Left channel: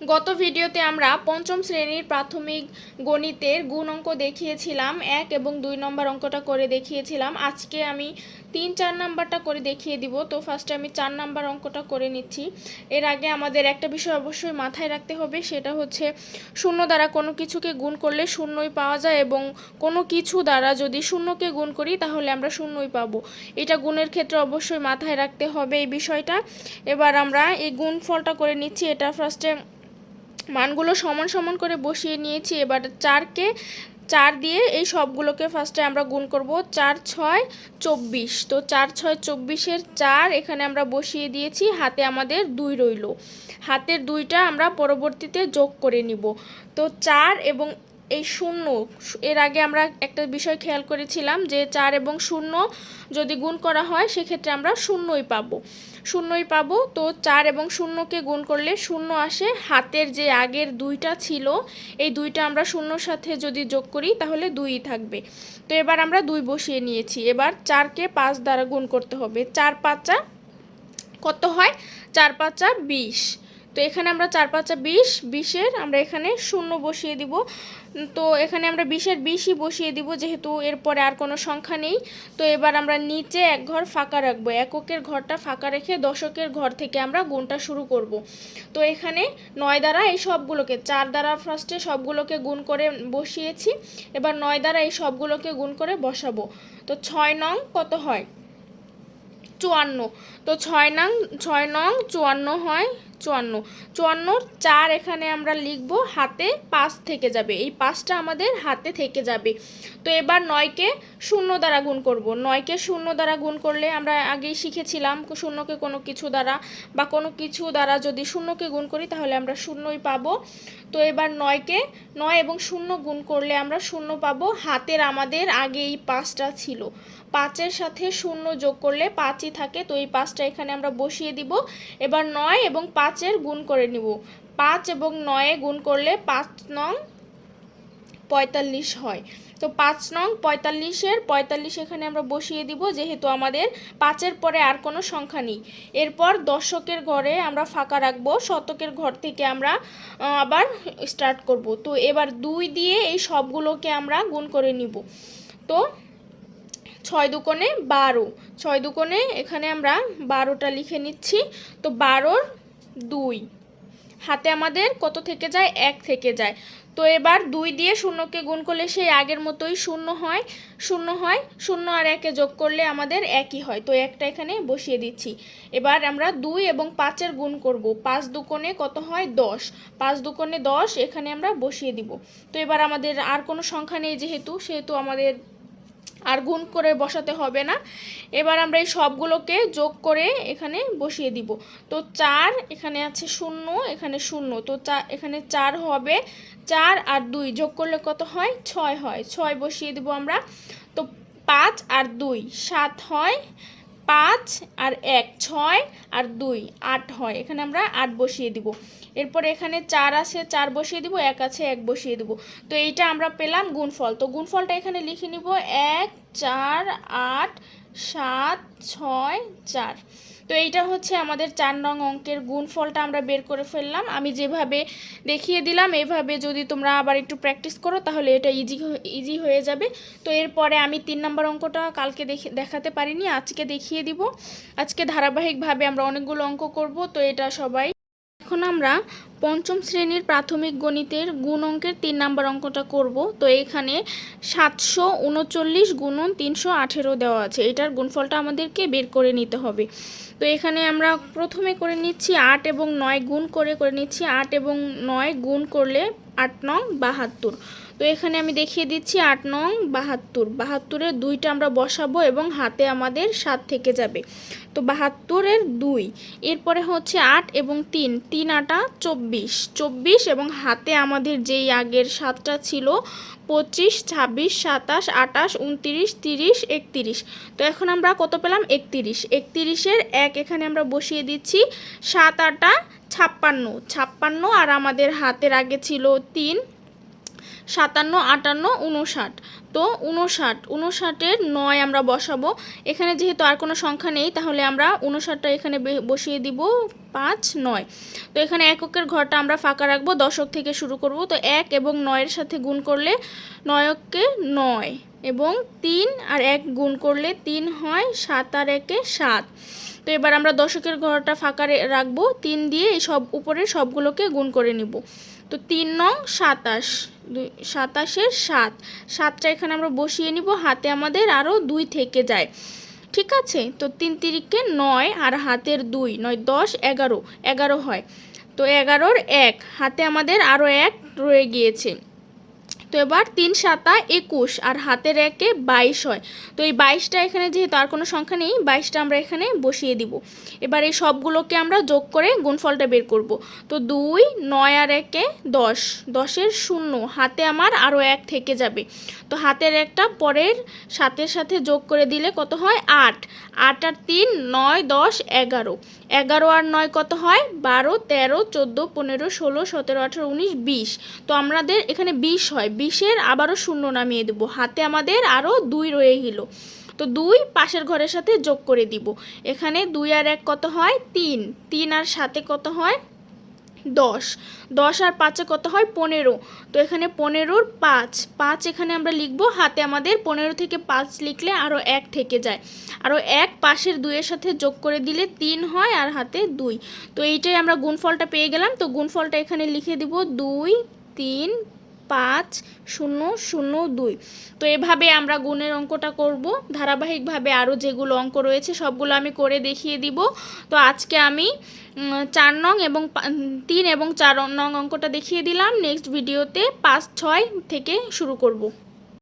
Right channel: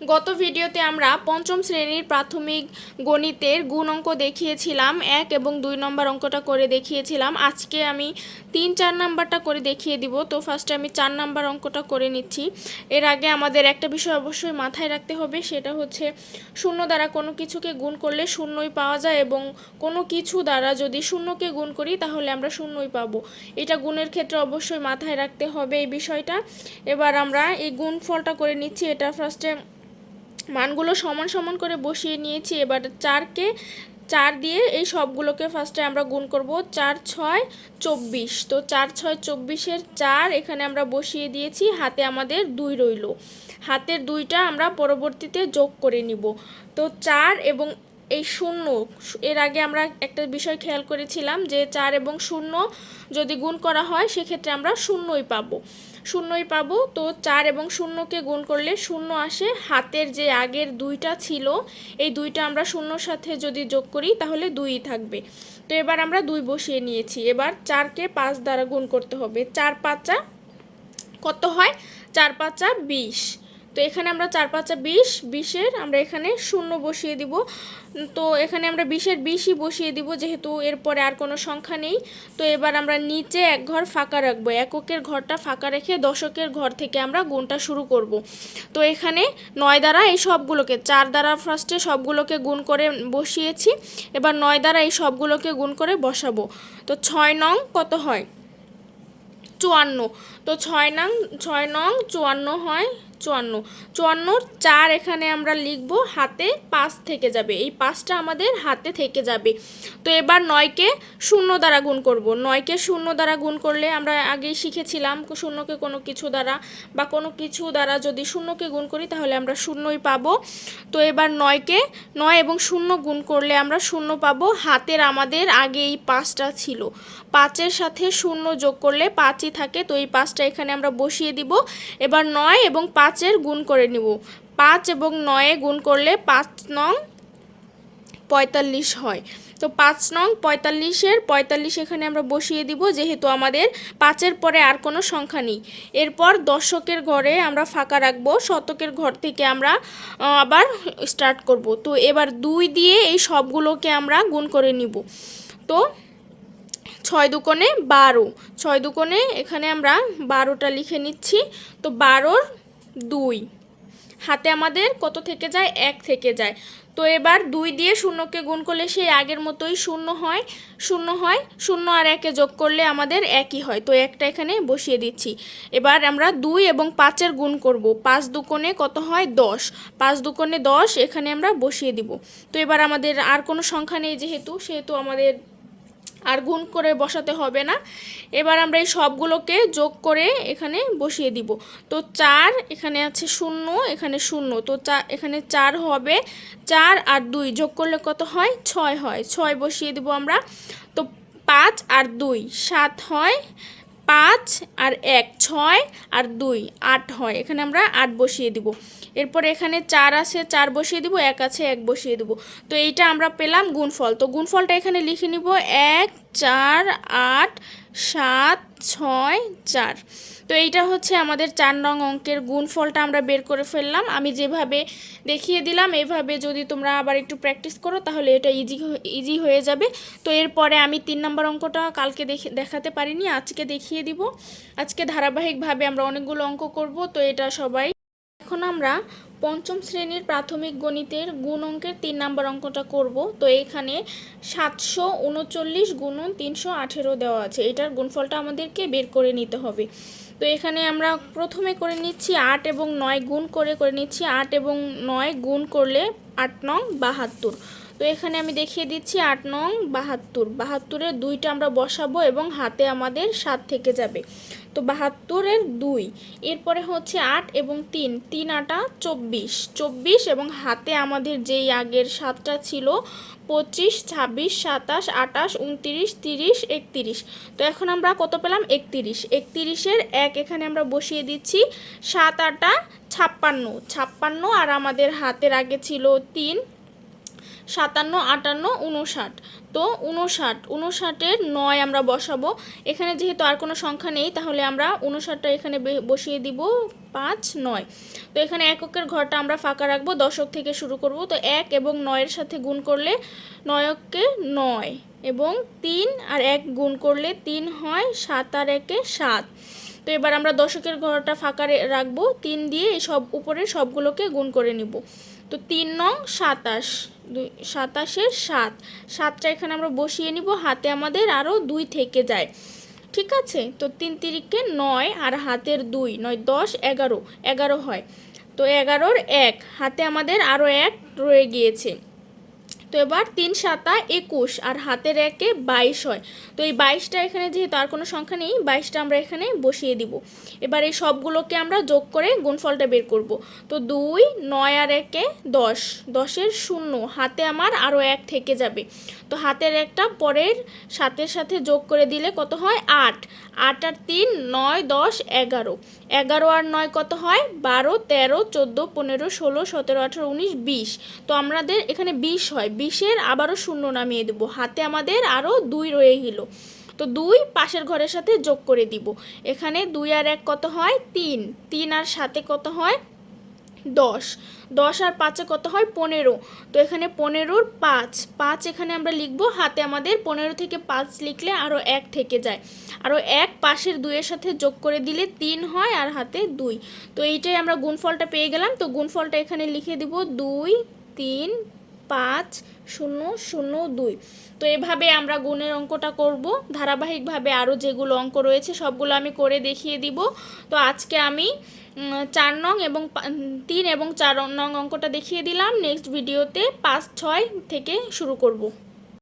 গত ভিডিওতে আমরা পঞ্চম শ্রেণীর প্রাথমিক গণিতের গুণ অঙ্ক দেখিয়েছিলাম, 1 এবং 2 নম্বর অঙ্কটা করে দেখিয়েছিলাম। আজকে আমি 3-4 নাম্বারটা করে দেখিয়ে দিব। তো ফার্স্টে আমি 4 নাম্বার অঙ্কটা করে নিচ্ছি। এর আগে আমাদের একটা বিষয় অবশ্যই মাথায় রাখতে হবে, সেটা হচ্ছে শূন্য দ্বারা কোনো কিছুকে গুণ করলে শূন্যই পাওয়া যায়, এবং কোনো কিছু দ্বারা যদি শূন্যকে গুণ করি তাহলে আমরা শূন্যই পাবো। এটা গুণের ক্ষেত্রে অবশ্যই মাথায় রাখতে হবে এই বিষয়টা। এবার আমরা এই গুণফলটা করে নিচ্ছি। এটা ফার্স্টে মানগুলো সমান সমান করে বসিয়ে নিয়েছি। এবার 4কে 4 দিয়ে এই সবগুলোকে ফার্স্টে আমরা গুণ করব। 4 6 24। তো 4 6 24-এর 4 এখানে আমরা বসিয়ে দিয়েছি, হাতে আমাদের 2 রইল। হাতের 2টা আমরা পরবর্তীতে যোগ করে নিব। তো 4 এবং এই 0, এর আগে আমরা একটা বিষয় খেয়াল করেছিলাম যে 4 এবং 0 যদি গুণ করা হয় সেক্ষেত্রে আমরা শূন্যই পাবো। তো 4 এবং 0কে গুণ করলে 0 আসে। হাতের যে আগের 2টা ছিল, এই 2টা আমরা 0-র সাথে যদি যোগ করি তাহলে 2ই থাকবে। তো এবার আমরা 2 বসিয়ে নিয়েছি। এবার 4কে 5 দ্বারা গুণ করতে হবে। 4 5 কত হয়? 4 5 20। তো এখানে আমরা 4 5 20, 20-এর আমরা এখানে 0 বসিয়ে দিব। তো এখানে আমরা 20-এর 20ই বসিয়ে দিব, যেহেতু এরপরে আর কোনো সংখ্যা নেই। তো এবার আমরা নিচে এক ঘর ফাঁকা রাখবো, এককের ঘরটা ফাঁকা রেখে দশকের ঘর থেকে আমরা গুণটা শুরু করব। তো এখানে 9 দ্বারা এই সবগুলোকে, 4 দ্বারা ফার্স্টে সবগুলোকে গুণ করে বসিয়েছি। এবার 9 দ্বারা এই সবগুলোকে গুণ করে বসাবো। তো 6 নং কত হয়? 54। তো 6 নং 54 হয় 54। 54-র 4 এখানে আমরা লিখব, হাতে 5 থেকে যাবে, এই 5টা আমাদের হাতে থেকে যাবে। তো এবার 9কে 0 দ্বারা গুণ করব। 9কে 0 দ্বারা গুণ করলে আমরা আগেই শিখেছিলাম, শূন্যকে কোনো কিছু দ্বারা বা কোনো কিছু দ্বারা যদি শূন্যকে গুণ করি তাহলে আমরা শূন্যই পাবো। তো এবার 9কে 9 এবং 0 গুণ করলে আমরা 0 পাবো। হাতের আমাদের আগে এই 5টা ছিল, 5-এর সাথে 0 যোগ করলে 5ই থাকে। তো এই 5টা এখানে আমরা বসিয়ে দিব। এবার 9 এবং 5-এর গুণ করে নিব। 5 এবং 9-এ গুণ করলে 5 নং 45 হয়। তো 5 নং 45-এর 45 এখানে আমরা বসিয়ে দিব, যেহেতু আমাদের 5-এর পরে আর কোনো সংখ্যা নেই। এরপর দশকের ঘরে আমরা ফাঁকা রাখবো, শতকের ঘর থেকে আমরা আবার স্টার্ট করব। তো এবার 2 দিয়ে এই সবগুলোকে আমরা গুণ করে নিব। তো 6 দুকোণে 12, 6 দুকোণে এখানে আমরা 12টা লিখে নিচ্ছি। তো 12-র 2, হাতে আমাদের কত থেকে যায়? 1 থেকে যায়। তো এবার 2 দিয়ে 0কে গুণ করলে সেই আগের মতোই 0 হয়। 0 আর 1-এ যোগ করলে আমাদের 1ই হয়। তো 1টা এখানে বসিয়ে দিচ্ছি। এবার আমরা 2 এবং 5-এর গুণ করব। 5 দুকোণে কত হয়? 10। 5 দুকোণে 10 এখানে আমরা বসিয়ে দিব। তো এবার আমাদের আর কোনো সংখ্যা নেই, সেহেতু আমাদের আর গুণ করে বসাতে হবে না। এবার আমরা এই সবগুলোকে যোগ করে এখানে বসিয়ে দিব। তো 4 এখানে আছে 0, এখানে 0, তো এখানে 4 হবে। 4 আর 2 যোগ করলে কত হয়? 6 হয়। 6 বসিয়ে দিব আমরা। তো 5 আর 2 7 হয়। 5 আর 1 6 আর 2 8 হয়। এখানে আমরা 8 বসিয়ে দিব। এরপর এখানে 4 আছে, 4 বসিয়ে দিব। 1 আছে, 1 বসিয়ে দিব। তো এইটা আমরা পেলাম গুণফল। তো গুণফলটা এখানে লিখে নিব, 1 4 8 7 6 4। তো এইটা হচ্ছে আমাদের 4 নং অঙ্কের গুণফলটা আমরা বের করে ফেললাম। আমি যেভাবে দেখিয়ে দিলাম এভাবে যদি তোমরা আবার একটু প্র্যাকটিস করো তাহলে এটা ইজি হয়ে যাবে। তো এরপরে আমি 3 নম্বর অঙ্কটা কালকে দেখাতে পারিনি, আজকে দেখিয়ে দিব। আজকে ধারাবাহিকভাবে আমরা অনেকগুলো অঙ্ক করব। তো এটা সবাই, এখন আমরা পঞ্চম শ্রেণীর প্রাথমিক গণিতের গুণ অঙ্কের 3 নম্বর অঙ্কটা করব। তো এইখানে 739 গুণন 318 দেওয়া আছে, এটার গুণফলটা আমাদেরকে বের করে নিতে হবে। তো এখানে আমরা প্রথমে করে নিচ্ছি 8 এবং 9 গুণ করে নিচ্ছি। 8 এবং 9 গুণ করলে 8 নং 72। তো এখানে আমি দেখিয়ে দিচ্ছি 8 নং 72। 72-এর 2টা আমরা বসাবো এবং হাতে আমাদের 7 থেকে যাবে। তো 72-এর 2, এরপরে হচ্ছে 8 এবং 3, 3 8 24, 24 এবং হাতে আমাদের যেই আগের 7টা ছিল 25 26 27 28 29 30 31। তো এখন আমরা কত পেলাম? 31। 31-এর 1 এখানে আমরা বসিয়ে দিচ্ছি। 7 8 56, 56 আর আমাদের হাতের আগে ছিল 3, 57 58 59। তো তো 59 9 আমরা বসাবো। এখানে যেহেতু আর কোনো সংখ্যা নেই তাহলে আমরা 59টা এখানে বসিয়ে দিব 5 9। তো এখানে এককের ঘরটা আমরা ফাঁকা রাখবো, দশক থেকে শুরু করব। তো 1 এবং 9-এর সাথে গুণ করলে 9 কে 9 এবং 3 আর 1 গুণ করলে 3 হয়, 7 আর 1-এ 7। তো এবার আমরা দশকের ঘরটা ফাঁকা রাখবো, 3 দিয়ে এই সব উপরের সবগুলোকে গুণ করে নিব। তো 3 নং 27, 27-এর 7, 7টা এখানে আমরা বসিয়ে নিব, হাতে আমাদের আরও 2 থেকে যায়। ঠিক আছে, তো 3 তিরিকে 9 আর হাতের 2, 9 10 11, 11 হয়। তো 11-র 1, হাতে আমাদের আরও 1 রয়ে গিয়েছে। তো এবার 3 7 21 আর হাতের 1-এ 22 হয়। তো এই 22টা এখানে যেহেতু আর কোনো সংখ্যা নেই, 22টা আমরা এখানে বসিয়ে দিব। এবার এই সবগুলোকে আমরা যোগ করে গুণফলটা বের করব। তো 2 9 আর 1-এ 10, 10-এর 0, হাতে আমার আরও 1 থেকে যাবে। তো হাতের 1টা পরের 7-এর সাথে যোগ করে দিলে কত হয়, 8, 8 আর 3 9 10 11, 11 আর 9 কত হয়, 12 13 14 15 16 17 18 19 20। তো আমাদের এখানে 20 হয়, 20-এর আবারও 0 নামিয়ে দেব, হাতে আমাদের আরও 2 রয়ে গেল। তো 2 পাশের ঘরের সাথে যোগ করে দিব। এখানে 2 আর 1 কত হয়, 3, 3 আর 7-এ কত হয়, 10, 10 আর 5-এ কত হয়, 15। তো এখানে 15-র 5, 5 এখানে আমরা লিখব, হাতে আমাদের 15 থেকে 5 লিখলে আরও 1 থেকে যায়, আরও 1 পাশের 2-এর সাথে যোগ করে দিলে 3 হয় আর হাতে 2। তো এইটাই আমরা গুণফলটা পেয়ে গেলাম। তো গুণফলটা এখানে লিখে দিব 2 3 5 0 0 2। তো এভাবে আমরা গুণের অঙ্কটা করব। ধারাবাহিকভাবে আরও যেগুলো অঙ্ক রয়েছে সবগুলো আমি করে দেখিয়ে দিব। তো আজকে আমি 4 নং এবং 3 এবং 4 নং অঙ্কটা দেখিয়ে দিলাম। নেক্সট ভিডিওতে 5 6 থেকে শুরু করব।